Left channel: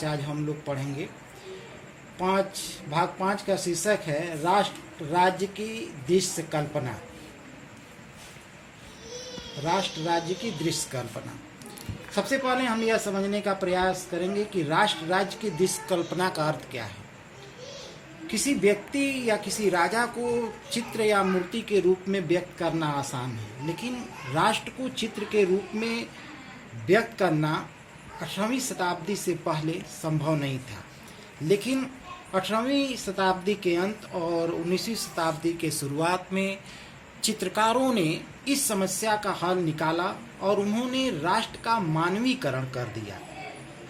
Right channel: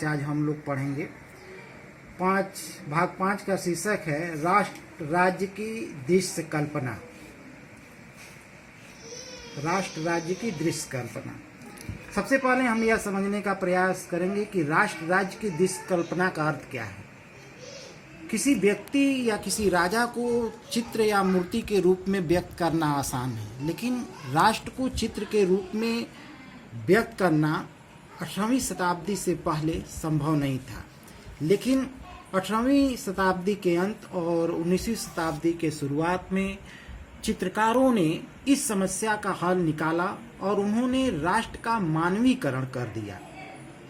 5 आज हम लोग पढ़ेंगे। भाग 5 का शीर्षक है राष्ट्र राज्य की दृश्य कल्पना। राष्ट्र राज्य की दृश्य कल्पना। सबसे पहले हम यह समझने का प्रयास करेंगे कि राष्ट्र राज्य की दृश्य कल्पना का अर्थ क्या है। किसी व्यक्ति या किसी राजा को चित्र या मूर्ति के रूप में व्यक्त करना आसान है, लेकिन राष्ट्र को चित्र के रूप में व्यक्त करना 18वीं शताब्दी से पहले संभव नहीं था। लेकिन 18वीं शताब्दी के अंत और 19वीं शताब्दी के शुरुआत में चित्रकारों ने इस समस्या का हल निकाला और उन्होंने राष्ट्र का मानवीकरण कर दिया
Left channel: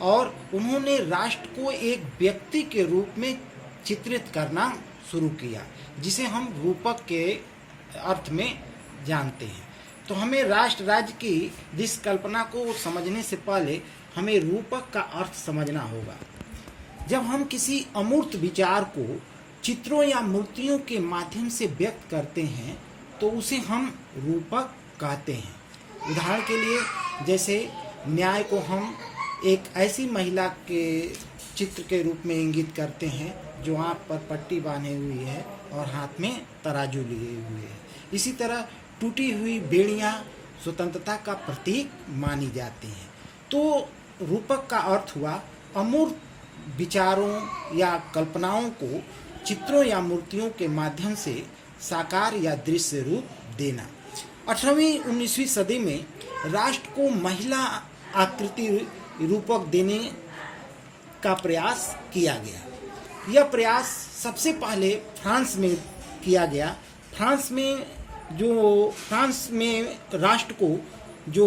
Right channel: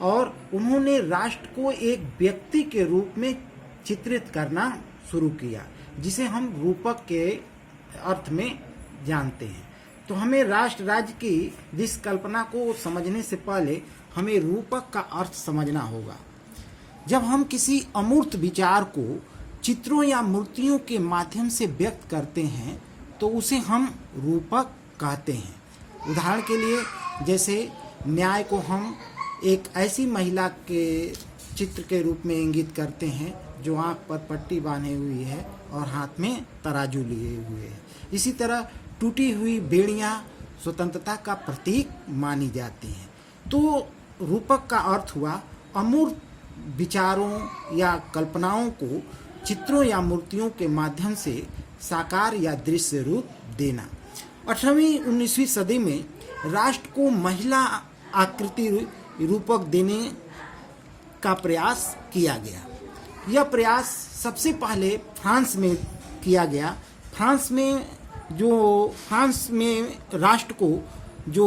और उन्होंने राष्ट्र को एक व्यक्ति के रूप में चित्रित करना शुरू किया, जिसे हम रूपक के अर्थ में जानते हैं। तो हमें राष्ट्र राज्य की दृश्य कल्पना को समझने से पहले हमें रूपक का अर्थ समझना होगा। जब हम किसी अमूर्त विचार को चित्रों या मूर्तियों के माध्यम से व्यक्त करते हैं तो उसे हम रूपक कहते हैं। उदाहरण के लिए, जैसे न्याय को हम एक ऐसी महिला के चित्र के रूप में इंगित करते हैं जो आंख पर पट्टी बांधे हुई है और हाथ में तराजू लिए हुए है। इसी तरह टूटी हुई बेड़ियां स्वतंत्रता का प्रतीक मानी जाती हैं। तो रूपक का अर्थ हुआ अमूर्त विचारों या कल्पनाओं को चित्रों या मूर्तियों के माध्यम से साकार या दृश्य रूप देना। 18वीं-19वीं सदी में राष्ट्र को महिला आकृति रूपक देने का प्रयास किया गया। यह प्रयास सबसे पहले फ्रांस में किया गया। फ्रांस में राष्ट्र को जो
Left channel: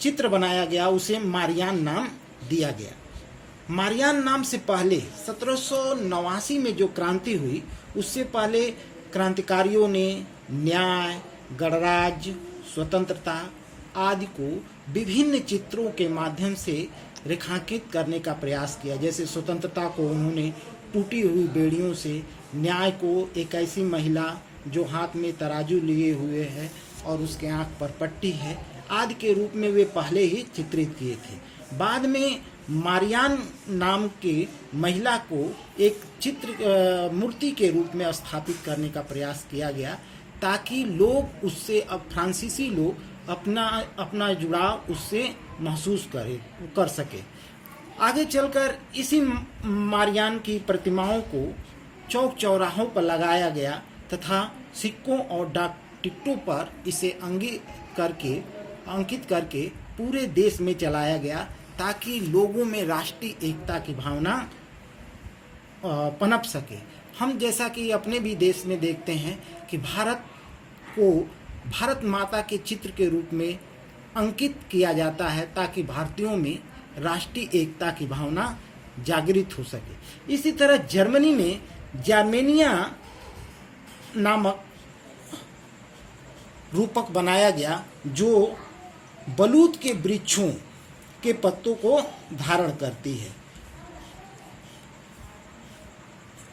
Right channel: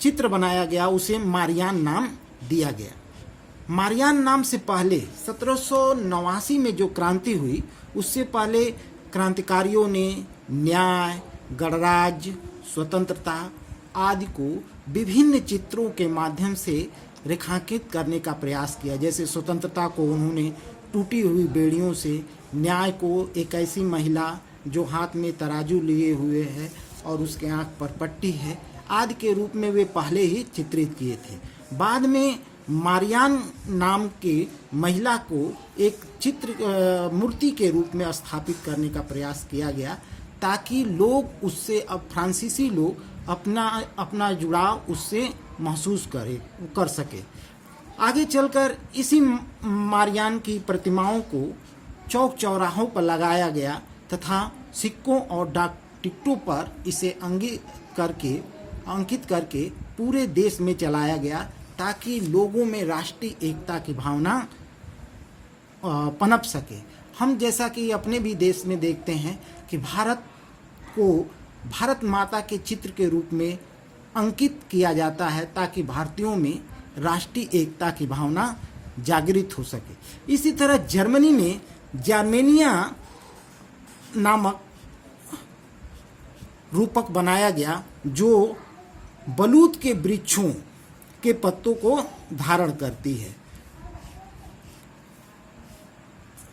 चित्र बनाया गया उसे मारियान नाम दिया गया। मारियान नाम से पहले 1789 में जो क्रांति हुई, उससे पहले क्रांतिकारियों ने न्याय, गणराज्य, स्वतंत्रता आदि को विभिन्न चित्रों के माध्यम से रेखांकित करने का प्रयास किया। जैसे स्वतंत्रता को उन्होंने टूटी हुई बेड़ियों से, न्याय को एक ऐसी महिला जो हाथ में तराजू लिए हुए है और उसके आंख पर पट्टी है आदि के रूप में वे पहले ही चित्रित किए थे। बाद में मारियान नाम के महिला को एक चित्र मूर्ति के रूप में स्थापित करने का प्रयास किया गया, ताकि लोग उससे, अब फ्रांसीसी लोग अपना जुड़ाव उससे महसूस कर सके। आगे चलकर इसी मारियान की प्रतिमाओं को चौक चौराहों पर लगाया गया तथा सिक्कों और डाक टिकटों पर इसे अंकित करके पूरे देश में चलाया गया, ताकि लोगों में राष्ट्रीय एकता की भावना पनप सके। हम जैसा कि अपने भी देश में देखते हैं कि भारत को भारत माता के चित्र के रूप में अंकित किया जाता है, ताकि भारतीयों में राष्ट्रीय एकता की भावना जागृत हो सके। इसी तरह जर्मनी में जर्मेनिया नामक रूपक बनाया गया, जो बलूत के वृक्षों के पत्तों को धारण करती है।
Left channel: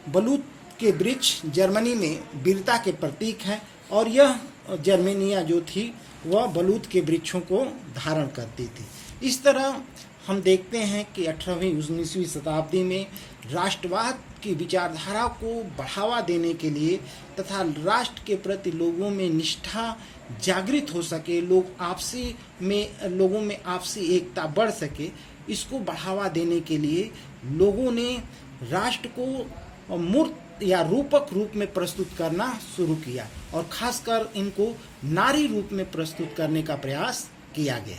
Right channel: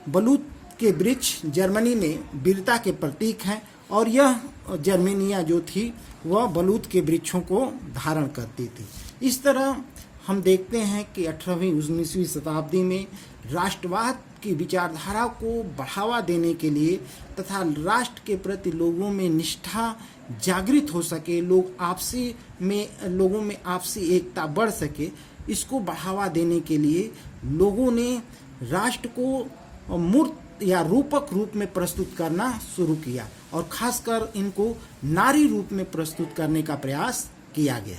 बलूत के वृक्ष जर्मनी में वीरता के प्रतीक हैं और यह जर्मेनिया जो थी वह बलूत के वृक्षों को धारण करती थी। इस तरह हम देखते हैं कि 18वीं-19वीं शताब्दी में राष्ट्रवाद की विचारधारा को बढ़ावा देने के लिए तथा राष्ट्र के प्रति लोगों में निष्ठा जागृत हो सके, लोगों में आपसी एकता बढ़ सके, इसको बढ़ावा देने के लिए लोगों ने राष्ट्र को मूर्त या रूपक रूप में प्रस्तुत करना शुरू किया और खासकर इनको नारी रूप में प्रस्तुत करने का प्रयास किया गया।